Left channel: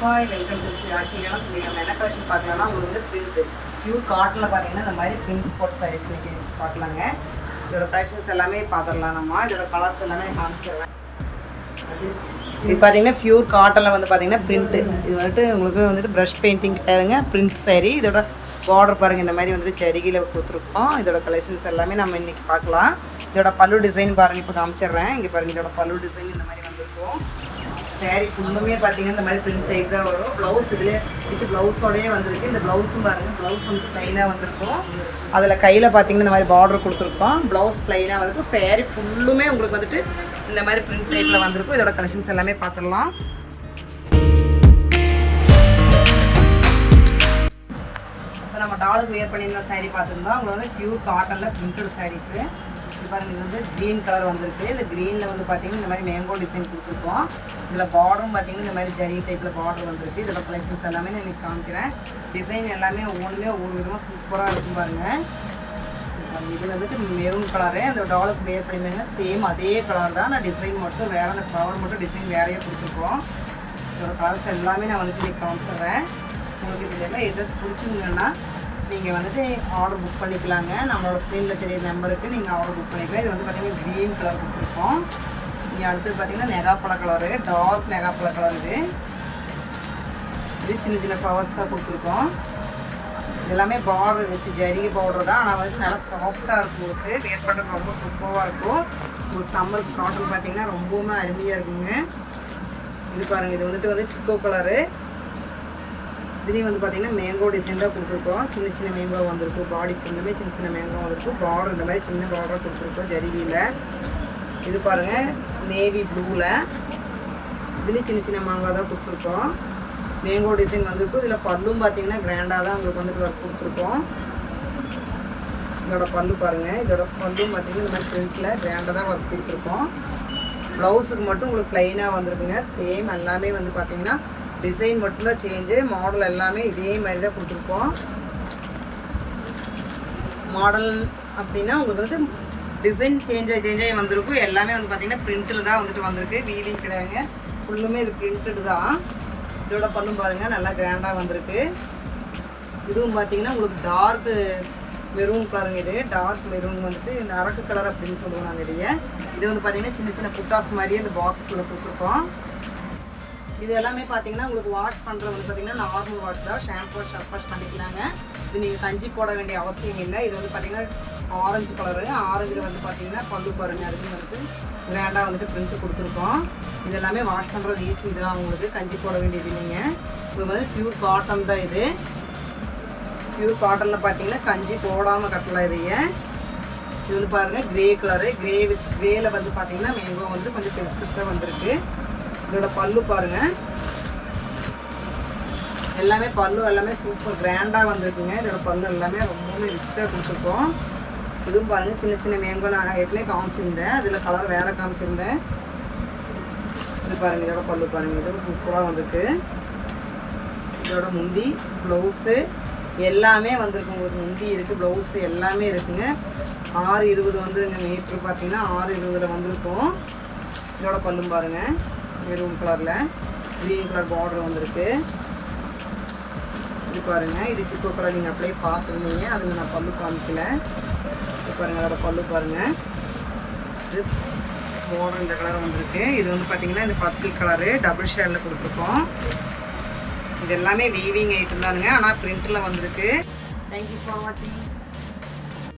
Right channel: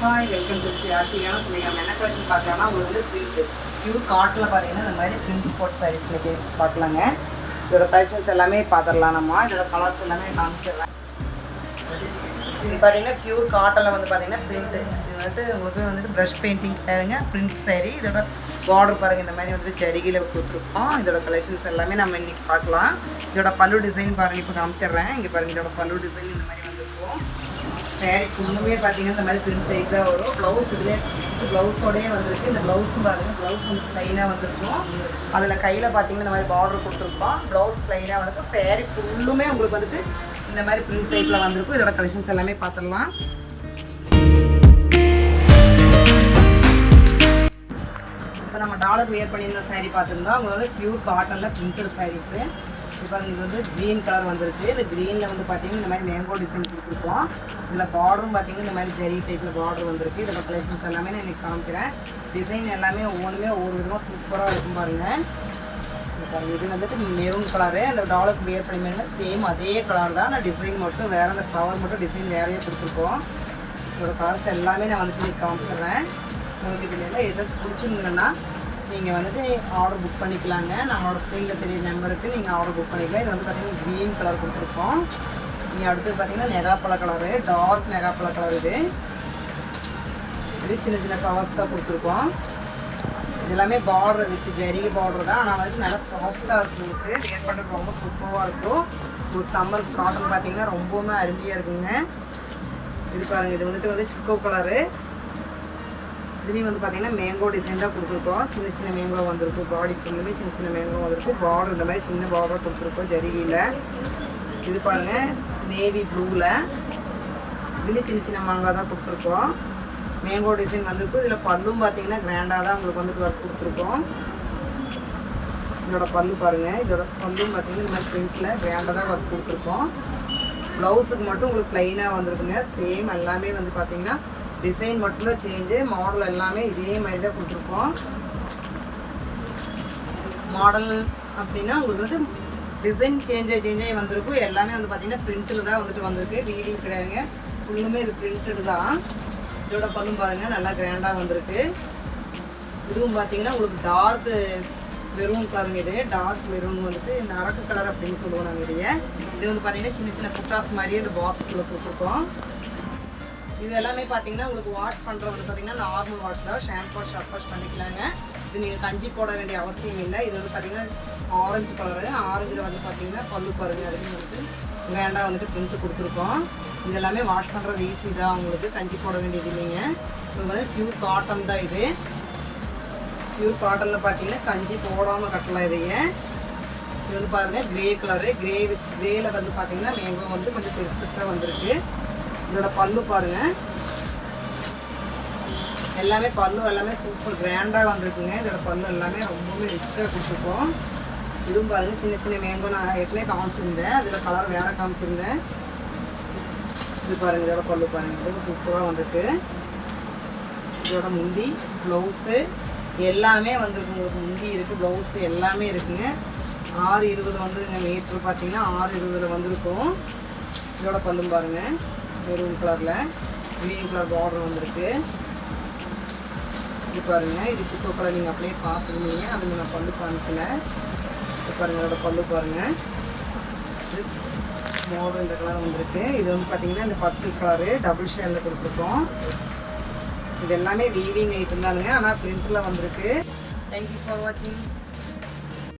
Hi welcome to Sri ஆஷிகான சொல்லி நம்ம என்ன கலெக்ஷன் பார்க்கலாம்னா உங்களுக்கு வந்து பிரிண்ட் பியூர் காட்டனில் பார்த்தீங்கன்னா இந்த மாதிரி பிரிண்ட் போட்ட சாரீஸ் இன்றைக்கி பார்க்கலாங்க. இதோட கலெக்ஷன்ஸ் எல்லாமே பார்த்துடலாம். நம்ம இதோட கலர்ஸ் எல்லாமே காமிச்சிடலாம். இது பார்த்தீங்கன்னா பியூர் காட்டனில் வந்து பார்த்தீங்கன்னா பிரிண்ட்டு இது உங்களுக்கு வந்துட்டு ப்ரஷ் பெயிண்டிங் கிடையாதுங்க. பிரிண்ட் சாரீ இதோட பார்டர் பாருங்கள், இந்த மாதிரி வந்துட்டு ஜரிகையில் கொடுத்துருக்கோம். இதோட கலெக்ஷன்ஸ் எல்லாமே நம்ம இன்றைக்கி பார்க்கலாம். இதோட பல்லு டிசைன் பாருங்கள், இப்போ காமிச்சிடுறேன். இங்கே பாருங்கள், இதோட பல்லு டிசைன் இந்த மாதிரி வந்திருக்கும். சாரீ ஃபுல்லுமே பார்த்தீங்கன்னா இந்த மாதிரி பிரிண்ட் டைப் தான் வரும். ப்ளவுஸ் இதில் வித் ப்ளவுஸோடயே வந்திருக்கு. இந்த ப்ளவுஸும் பாருங்கள், ப்ளவுஸ் வந்துட்டு ப்ளைனாக வந்திருக்கும். அதில் கையில் பார்த்தீங்கன்னா இந்த மாதிரி பார்டர் கொடுத்துருக்கோம். ப்ளவுஸ் ப்ளைனாக வந்திருக்கும். சாரீ ஃபுல்லுமே உங்களுக்கு வந்துட்டு இந்த மாதிரி பிரிண்ட் டைப்பில் வந்திருக்கும். இதோட கலெக்ஷன்ஸ் எல்லாமே பார்த்துடலாம். இப்போ நம்ம டாலுக்கு வியர் பண்ணியிருந்த சாரீ பார்த்துருந்தோம். உங்களுக்கு வந்து பியூர் காட்டனில் பிரிண்டட் சாரீஸு. இது பாருங்கள், இது வந்து க்ரீன் கலர் வந்திருக்கு. இந்த க்ரீனில் வந்து பார்த்தீங்கன்னா இந்த மாதிரி மேங்கோ டிசைன் கொடுத்துருக்கோம். இதில் பார்டரும் பார்த்தீங்கன்னா இந்த மாதிரி ஜரி டைப்பில் பார்டர் வந்திருக்கு. இதோட கலெக்ஷன்ஸ் எல்லாமே நான் இன்றைக்கி காமிக்கிறேன். டிசைன் எல்லாமே ஒவ்வொன்றுமே ஒவ்வொரு விதமாக சூப்பராக இருக்கும் பாருங்கள். இது வந்துட்டு மெரூன் கலரு. அந்த டாலுக்கு வேர் பண்ணிங்கன்னா சேம் அதே கலர் தான். நான் டிசைன் மட்டும் வேறு, அந்த ஃப்ளவர் மட்டும் டிசைன் வேறையாக கொடுத்துருக்கோம். இதோட கலர்ஸ் எல்லாமே நான் வந்துட்டு இன்றைக்கி காமிச்சிடுறேன். உங்களுக்கு இதில் எல்லாம் எதாச்சும் பிடிச்சிருந்தீங்கன்னா நீங்கள் வந்துட்டு ஆர்டர் புக் பண்ணிக்கலாங்க. நம்மளோட ஸ்க்ரீனில் தெரிய நம்பருக்கு நீங்கள் ஆர்டர் புக் பண்ணிக்கலாம். இது வந்து பார்த்திங்கன்னா க்ரீன் கலர் கொடுத்துருக்கோம். இங்கே அடுத்தது பார்த்திங்கன்னா நெகாப்பழ கலரு, டார்க் நெகாப்பழ கலர். இது சின்ன சின்ன ஃப்ளவர்ஸ் தான் கொடுத்துருக்கோம். இது எல்லாமே பார்டர் வித் ஜரிகை பார்டர் தான். ஆனால் வந்துட்டு நல்லா சாஃப்டாக இருக்கும். உங்களுக்கு வேர் பண்ணுறது ரொம்ப சூப்பராக இருக்கும். ஒரு சம்மருக்கு காட்டன் பார்த்திங்கன்னா ரொம்பவுமே அருமையாக இருக்குங்க. இது பாருங்கள், இது வந்துட்டு சிக்கோ கலரு. இதுலேயும் வந்து பார்த்திங்கன்னா மேங்கோ டிசைன் தான் கொடுத்துருக்கோம். சின்ன சின்ன மேங்கோ வந்திருக்கும். பாடி ஃபுல்லுமே சின்ன சின்ன மேங்கோ வந்திருக்கும். பார்டர் இந்த மாதிரி சின்ன பார்டர் கொடுத்துருக்கோம் ஜரிகையில். இது பாருங்கள், நேவி ப்ளூவில் இதுலேயும் சின்ன சின்ன மாங்காய் தான் கொடுத்துருக்கோம். மேங்கோ டிசைன் வந்திருக்கும். இதில் பல்லும் பார்த்திங்கன்னா கிராண்டாக தான் உங்களுக்கு வந்துட்டு ஒர்க் கொடுத்துருக்கோம். இதோட பல்லு பாருங்கள், இதோட பல்லும் பார்த்திங்கன்னா இந்த மாதிரி பிரிண்டில் கிராண்டாக தான் ஒர்க் கொடுத்துருக்கோம். ப்ளவுஸுக்கு மட்டும் உங்களுக்கு ப்ளைனாக வந்திருக்குங்க. சேம் எல்லாமே வந்து பார்த்திங்கன்னா டிசைன் மட்டும்தான் சேஞ்சு. மாடல் எல்லாமே இதே மாதிரி தான் கொடுத்துருக்கோம். மாடல் அப்படின்னா உங்களுக்கு வந்து டிசைன் சேஞ்சாகி வந்திருக்கும். எல்லாமே வந்து பார்த்திங்கன்னா பிரிண்டில் தான் வந்துட்டு வந்திருக்கு. வீவிங் கிடையாதுங்க, ஃபுல்லுமே இது பிரிண்டடு தான். இதோட பல்லும் பாருங்கள், நல்லா கிராண்டாக வந்திருக்கு. இதுவும் பார்த்திங்கன்னா உங்களுக்கு டார்க் மெரூன் கலருங்க. இது டார்க் மெரூன் வந்துட்டு இந்த அரக்கு கலர் அப்படின்னு சொல்லுவோம் நாங்கள் இதையே. இது வந்து பார்த்திங்கன்னா சின்ன சின்ன புட்டாஸ் மாதிரியே இந்த பாக்ஸ்குள்ளே கொடுத்துருக்கோம். இது எல்லாமே பார்த்தீங்கன்னா உங்களுக்கு வாஷ் பண்ணுறது வந்து பார்த்திங்கன்னா நார்மல் வாஷ் தான். ஷாம்பு வாஷ், ஷர்ட் வாஷ் பண்ணிக்கலாங்க. இது நீங்கள் கஞ்சி போட வேண்டிய அவசியம் இல்லை. இது வந்து பார்த்திங்கன்னா ஆரஞ்சு கலரு. ஆரஞ்சில் வந்து பார்த்திங்கன்னா பல்லு பாருங்கள், அதுலேயும் வந்துட்டு கிராண்டாக வந்துட்டு பிரிண்ட்டு கொடுத்துருக்கோம். இது எல்லாமே வாஷ் பண்ணுறது ஈஸி தான். உங்களுக்கு கஞ்சி போட வேண்டியது இல்லைங்க. இது வந்து பியூர் காட்டன் தான். இது பியூர் காட்டனில் பார்த்தீங்கன்னா கஞ்சி போடாமல் கட்டலாம் இதையே. இது வந்து பாருங்கள் கிரே கலரு. கிரேயில் வந்து பார்த்திங்கன்னா மேங்கோ வந்து கொஞ்சம் பெருசு பெருசாக வந்திருக்கு. இதோட பல்லு பாருங்கள், எல்லாமே பல்லு எல்லாமே சூப்பர் கிராண்டாக வந்திருக்குங்க. இதோட பல்லு எல்லாமே ரொம்பவே ரிச்சாக கொடுத்துருக்கோம். இதுவும் பாருங்கள், சின்ன சின்ன மேங்கோ நான் ஏற்கனவே காமிச்சிருந்தேன். அதில் கலர் வேறு காமிச்சிருந்தேன். இது பாருங்கள், இதோட பல்லு பாருங்கள், இதுவும் சூப்பராக வந்திருக்கு. இதோட முந்தி ப்ளவுஸு எல்லாமே வந்திருக்கு. உங்களுக்கு முந்தி இருக்குது, ப்ளவுஸு எல்லாமே இருக்குங்க. 6.20 வந்துருங்க மீட்ரு. பார்த்தீங்கன்னா 6.20 வந்திருக்கும். இதோட பல்லும் பாருங்கள், மெரூன் கலரில் க்ரீன் கலர் பார்டர் வந்திருக்கு. இது பாருங்கள், இது சிக்கோ கலர் நீங்கள் அப்படியே பார்த்துருந்தீங்க. அதில் நான் பல்லு காமிக்கல. இது பாருங்கள், அதோட பல்லு பாருங்கள். இது பார்டர் இந்த கலர் வந்திருக்கு. இது வந்து பார்த்திங்கன்னா இந்த பர்பிள் கலரு டபுள் ஷேடில் கொடுத்துருக்கோம். இது எல்லாமே வீவிங் ஐட்டம் தானுங்க, ஆனால் பிரிண்டில் வந்திருக்கு. தேங்க்யூ ஃபார் வாட்சிங்.